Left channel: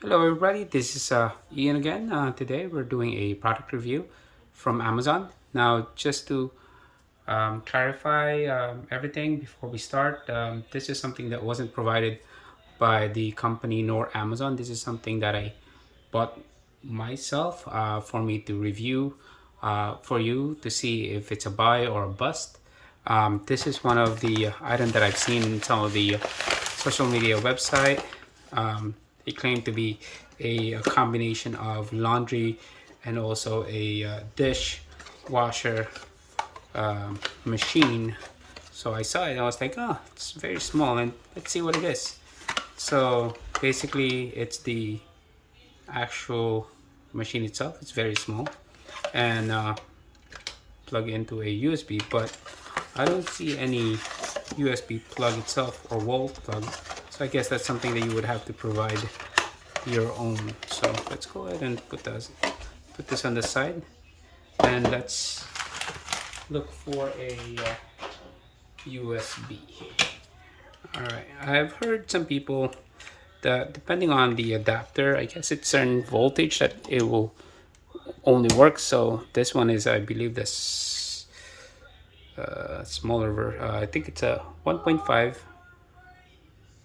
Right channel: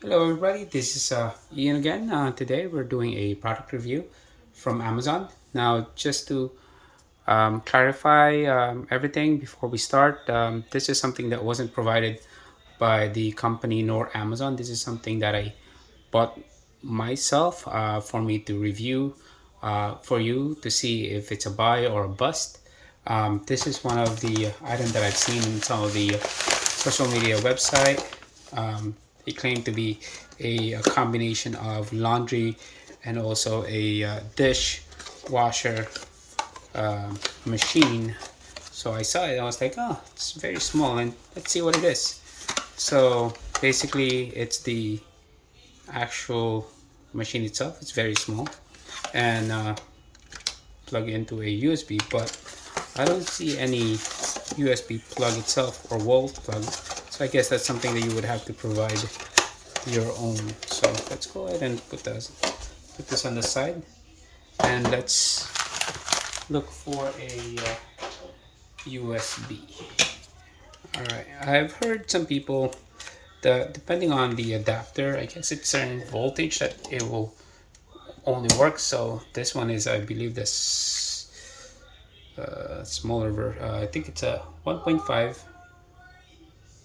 Hello everybody, this is Ian again. Today we're doing a product review from Amazon. Now just to clarify everything before we start, this is something that wasn't provided by the company nor Amazon. This is something that I bought myself for me to review for you to see if it's a buy or a bust. This is one of the items that I've seen in some of the social media website. They claim to be a combination of laundry and also a dishwasher machine. So I saw it, I was like, oh, it's very small, and let's see what it is. So basically, it's the actual machine itself. It's very small, and plug into a USB, but I don't see any USB plug itself or wall plug. So I guess that's something that you would have to provide your own. So let's go ahead and put this on the side, and let's look for a USB. All right, I've heard some people that depending on the adapter, I guess it's certain voltage that it will only work. So this one is, I believe, this smaller version. I think it's a 1.5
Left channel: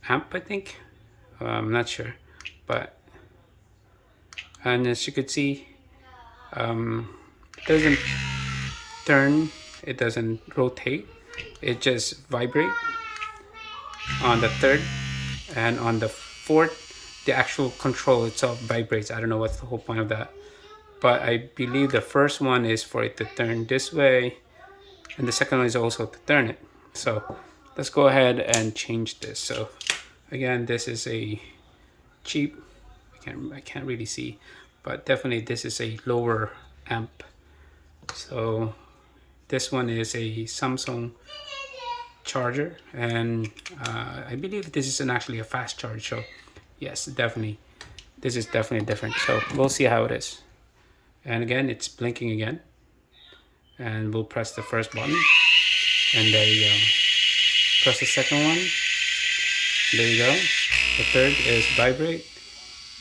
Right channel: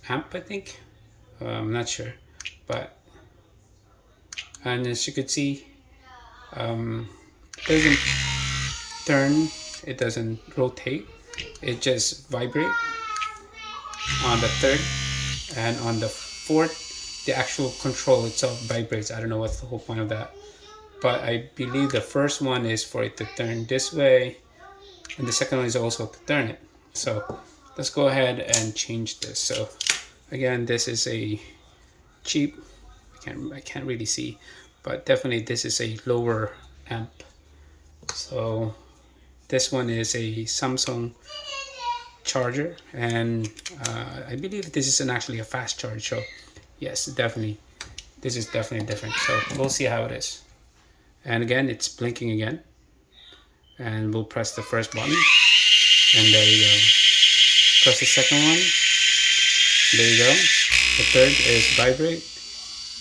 amp, I think. I'm not sure, but and as you could see, it doesn't turn, it doesn't rotate, it just vibrate on the third, and on the fourth the actual control itself vibrates. I don't know what's the whole point of that, but I believe the first one is for it to turn this way, and the second one is also to turn it. So let's go ahead and change this. So again, this is a cheap, I can't really see, but definitely this is a lower amp. So this one is a Samsung charger, and I believe this is actually a fast charge. So yes, definitely, this is definitely different. So we'll see how it is. And again, it's blinking again, and we'll press the first button, and there you go. Press the second one. There you go. The third is vibrate.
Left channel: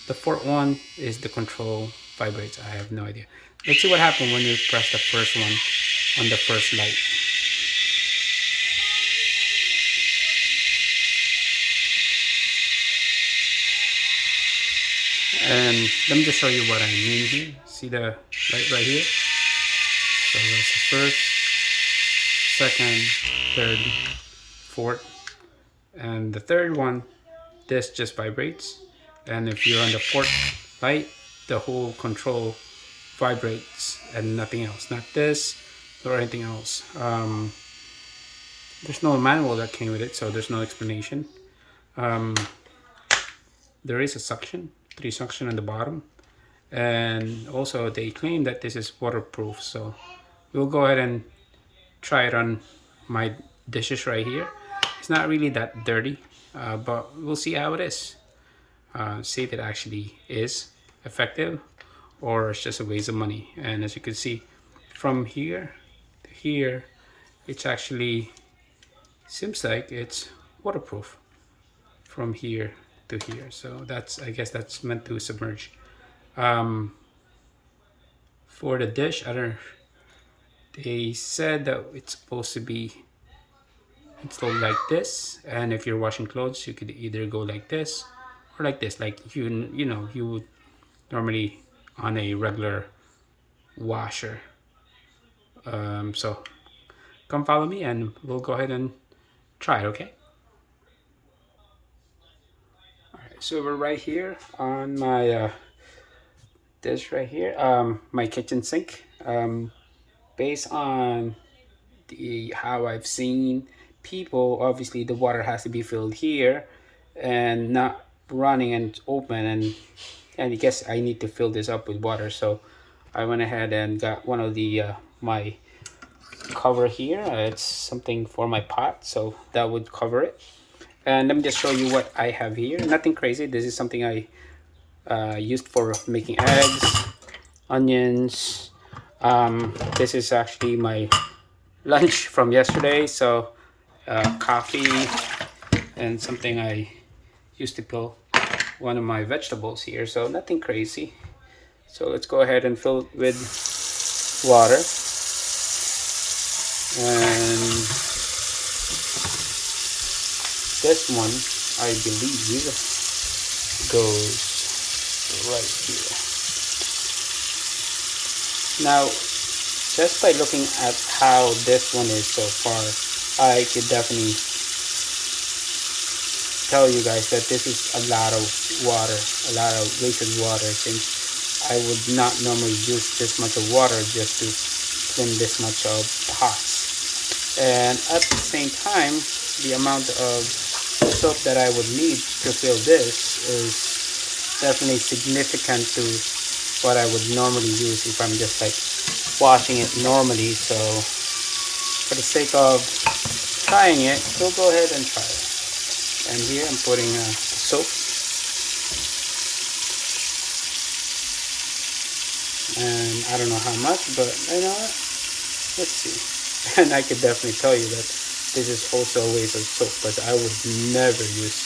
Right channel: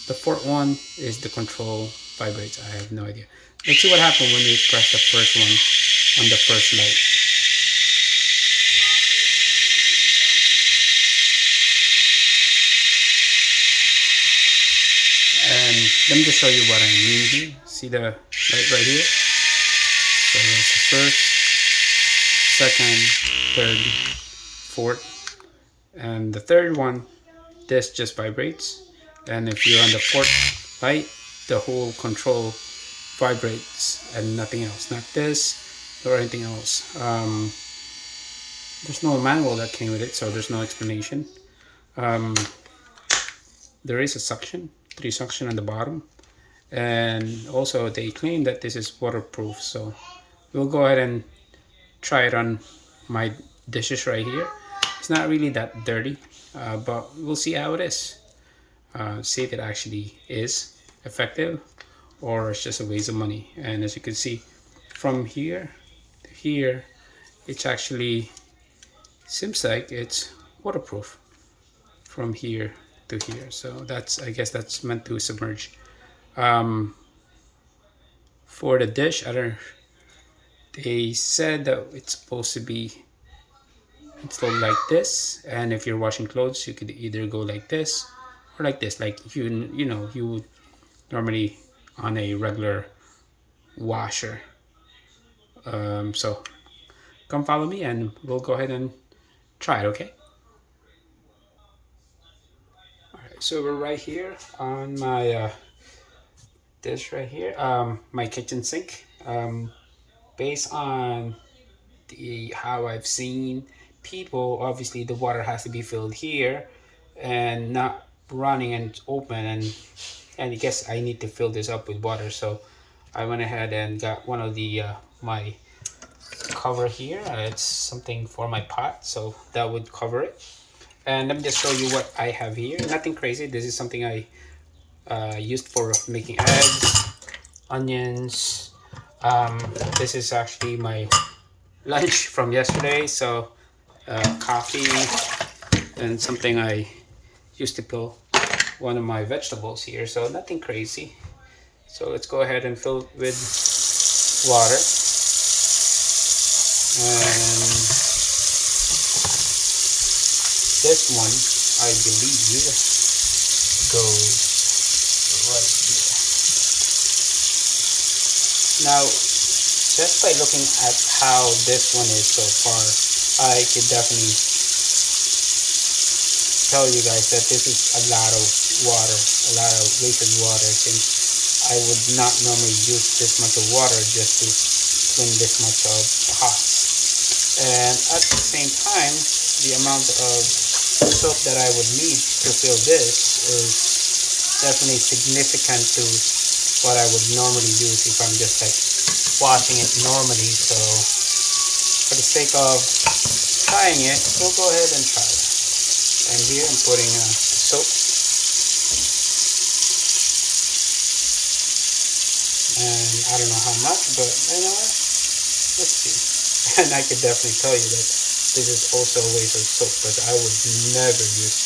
The fourth one is the control vibrates. I have no idea. Let's see what happens when we press the first one on the first light. And let me just show you what I mean here. See the light right here? So that's the first, second, third, fourth, and the third one, this just vibrates. And if you're on the fourth light, the whole control vibrates and nothing else, not this or anything else. There's no manual that came with it, so there's no explanation. There is a suction, 3 suction on the bottom, and also they claim that this is waterproof. So we'll go ahead and try it on my dishes right here. It's not really that dirty, but we'll see how it is. See if it actually is effective or it's just a waste of money. And as you can see, from here to here, it's actually seems like it's waterproof from here to here. So that's, I guess that's meant to submerge. For the dish, I don't, they said that it's supposed to be installed like this, and if you're washing clothes, you could either go like this or like this, like you know you would normally on a regular washer. So come follow me and we'll go ahead and try it, okay? All right, so we're right here on my dish right here, my kitchen sink. Based on the how I've seen people, obviously the water has to be filled here and not running and open, and I guess I need to fill this up with water. So I went ahead and got one of the my cover here. It's something for my pot, so that would cover it. And let me just show you what I have here. Nothing crazy. This is something I used for making eggs, onions. This is actually my lunch from yesterday. So coffee and something I used to peel one of my vegetables here, so nothing crazy. So let's go ahead and fill it with water. And this one, I believe, goes right here. Now, just by looking at how this one is so far, I could definitely tell you guys that this is a lot of water, a lot of wasted water, since I would not normally use this much of water just to clean this much of pots. And at the same time, the amount of soap that I would need to fill this is definitely significant to what I would normally use if I'm just like washing it normally. So for the sake of trying it, we'll go ahead and try it. And here I'm putting soap, and I don't know how much, but you know, let's see. And I could definitely tell you that this is also a waste of soap, but I would never use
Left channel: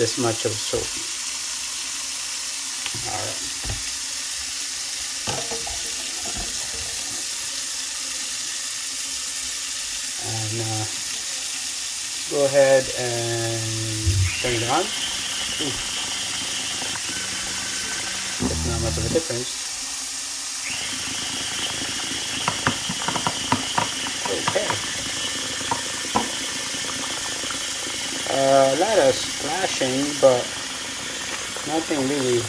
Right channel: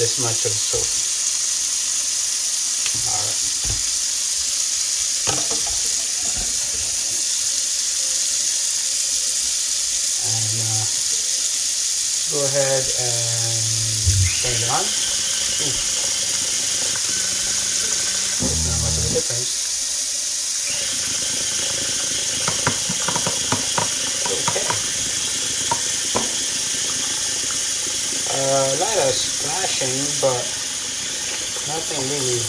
this much of soap. Alright. And go ahead and turn it on. Not much of a difference. Okay. A lot of splashing, but nothing really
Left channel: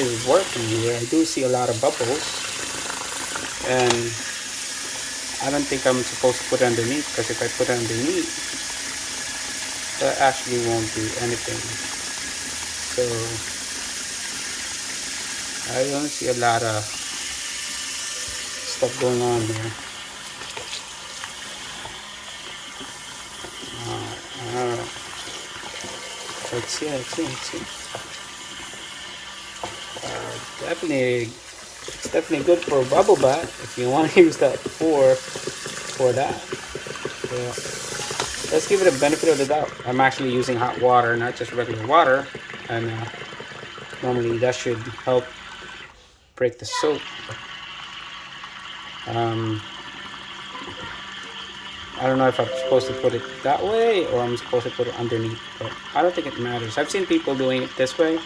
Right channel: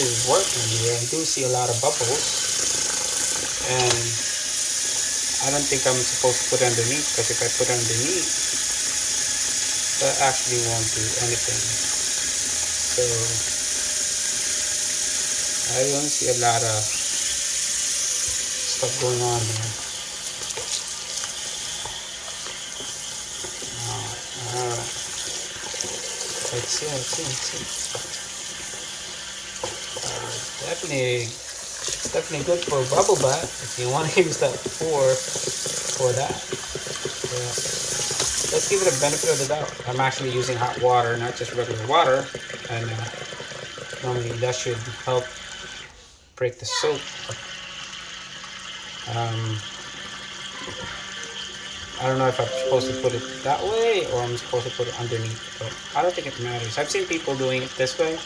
is working here. I do see a lot of bubbles, and I don't think I'm supposed to put it underneath, because if I put it underneath, that actually won't do anything. So I don't see a lot of stuff going on here. Let's see. Definitely good for a bubble bath if you want to use that for that. So let's give it a benefit of the doubt. I'm actually using hot water, not just regular water, and normally that should help break the soap. I don't know if I'm supposed to put it that way or I'm supposed to put it underneath, but I don't think it matters. I've seen people doing it this way.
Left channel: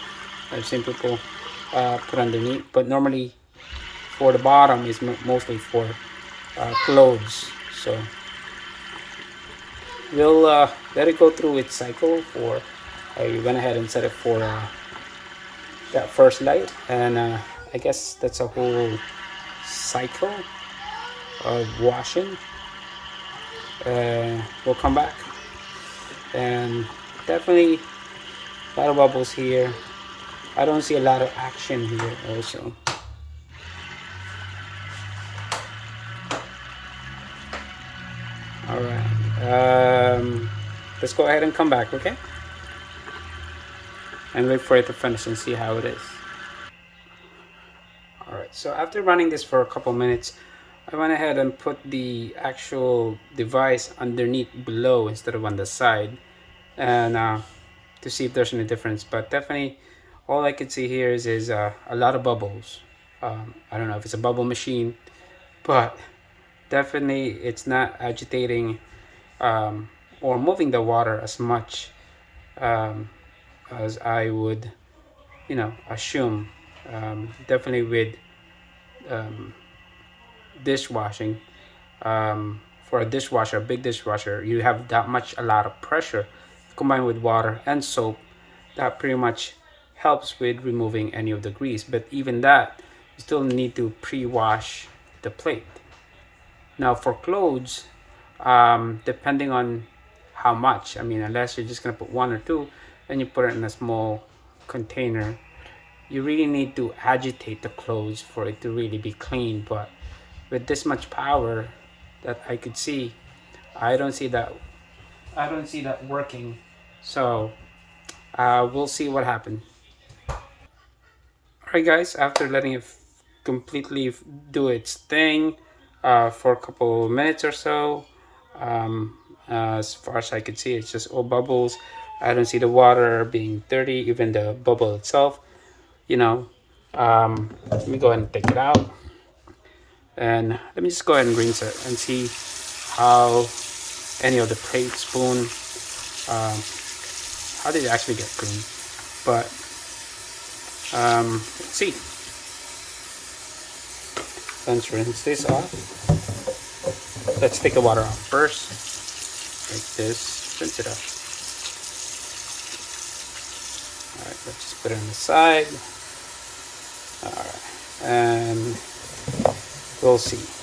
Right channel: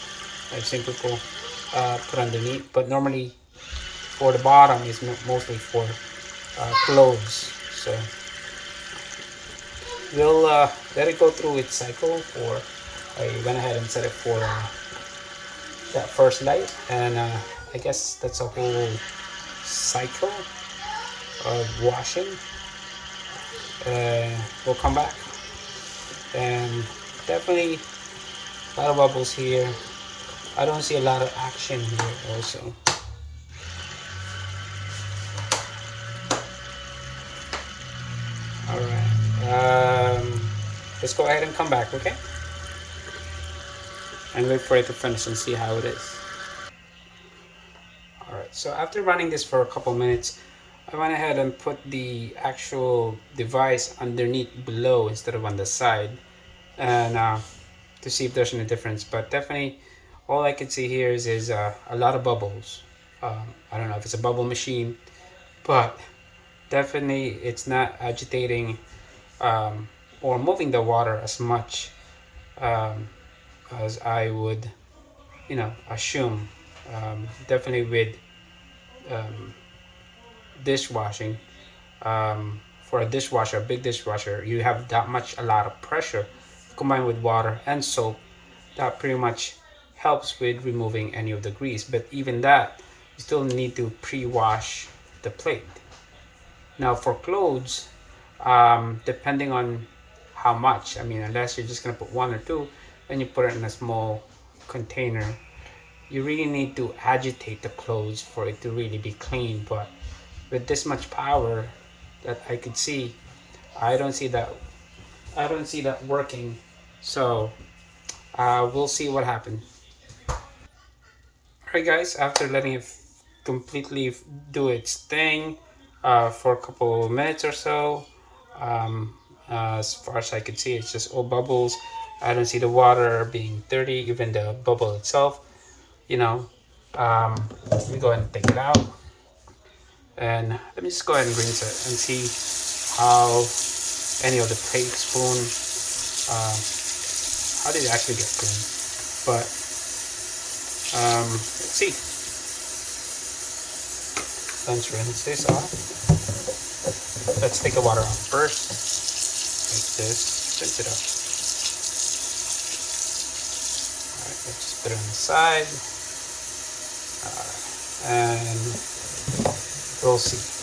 I've seen people put underneath, but normally for the bottom is mostly for clothes. So we'll let it go through its cycle for, you went ahead and set it for that first light, and I guess that's a whole cycle of washing. We'll come back, and definitely a lot of bubbles here. I don't see a lot of action here also. Alright, let's go ahead and come back, okay? And wait for it to finish and see how it is. Alright, so after running this for a couple minutes, I went ahead and put the actual device underneath below instead of on the side, and to see if there's any difference. But definitely all I can see here is a lot of bubbles. I don't know if it's a bubble machine, but definitely it's not agitating or moving the water as much as I would, assume. Definitely with dishwashing, for a dishwasher, a big dishwasher, you have that much, a lot of pressure combined with water and soap that pretty much helps with removing any of the grease. But even that, you still need to pre-wash the plate. Now for clothes, depending on how much, I mean, unless you're just gonna put one or two and you put it in a small container, you really need to agitate the clothes for it to really be clean. But with this much power that I could see, I don't see that working. So we'll see what happens. Alright guys, after letting it completely do its thing for a couple minutes or so, as far as I could see, it's just all bubbles. I don't see the water being dirty, even the bubble itself. You know, let me go ahead and take it out, and let me just go ahead and rinse it and see how any of the plate, spoon, um, how did it actually get clean. But let's see. Let's rinse this off. Let's take the water off first, like this. Rinse it off. All right, let's put it on the side. All right, and we'll see.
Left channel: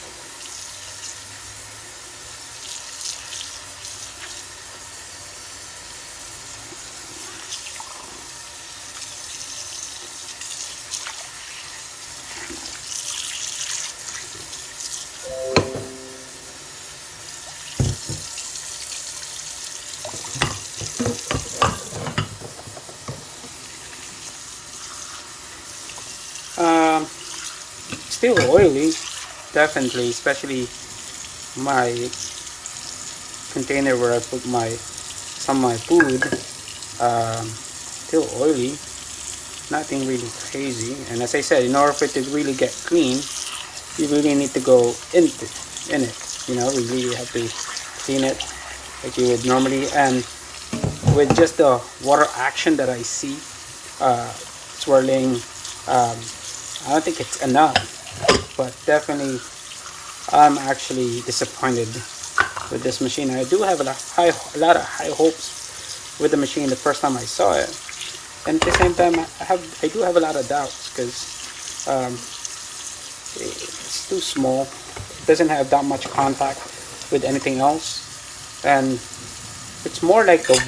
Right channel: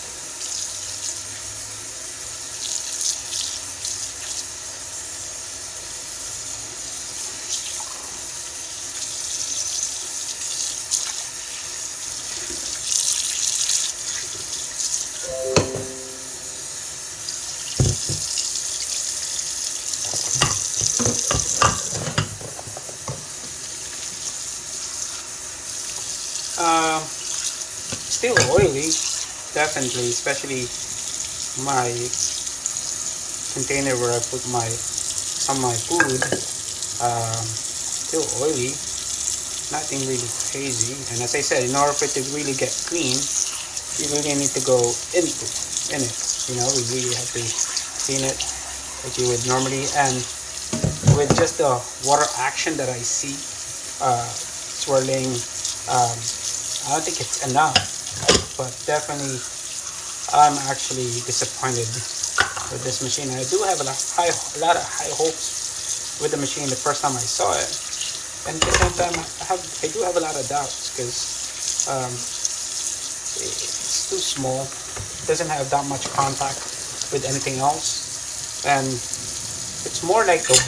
Still oily, definitely, especially my container where I put some of my food. Still oily, nothing really crazy. And as I said, in order for it to really get clean, you really need to go in it. You know, we really have to clean it like you would normally. And with just the water action that I see swirling, I don't think it's enough. But definitely, I'm actually disappointed with this machine. I do have a lot of high hopes with the machine the first time I saw it, and at the same time, I do have a lot of doubts because it's too small. It doesn't have that much contact with anything else, and it's more like the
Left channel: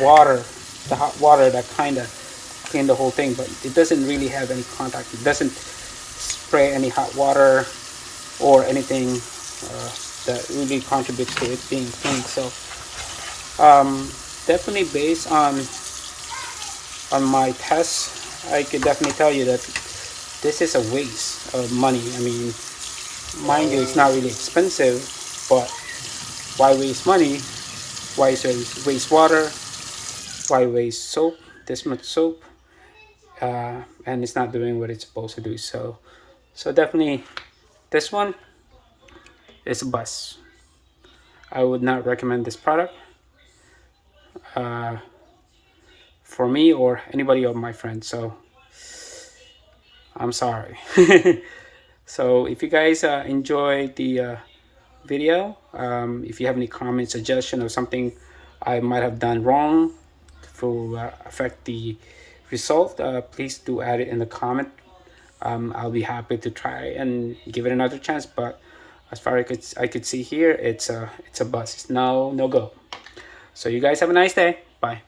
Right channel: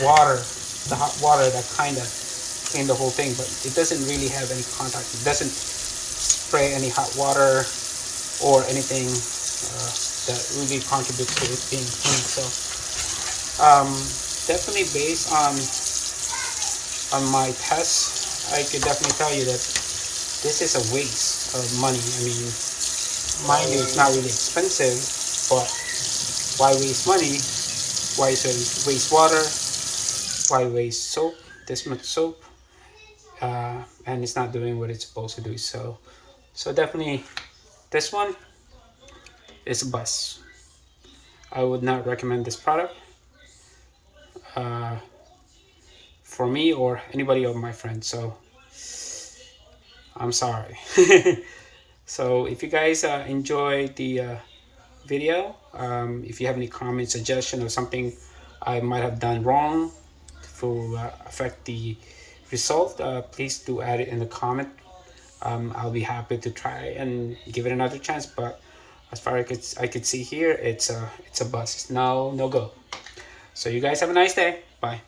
hot water that kind of clean the whole thing, but it doesn't really have any contact. It doesn't spray any hot water or anything that really contributes to it being clean. So definitely based on my tests, I could definitely tell you that this is a waste of money. I mean, mind you, it's not really expensive, but why waste money? Why waste water? Why waste soap? This much soap, and it's not doing what it's supposed to do. So definitely, this one is a bust. I would not recommend this product for me or anybody of my friends. So I'm sorry. So if you guys enjoy the video, if you have any comments, suggestion, or something I might have done wrong to affect the result, please do add it in the comment. I'll be happy to try and give it another chance. But as far as I could see here, it's a bust. No go. So you guys have a nice day. Bye.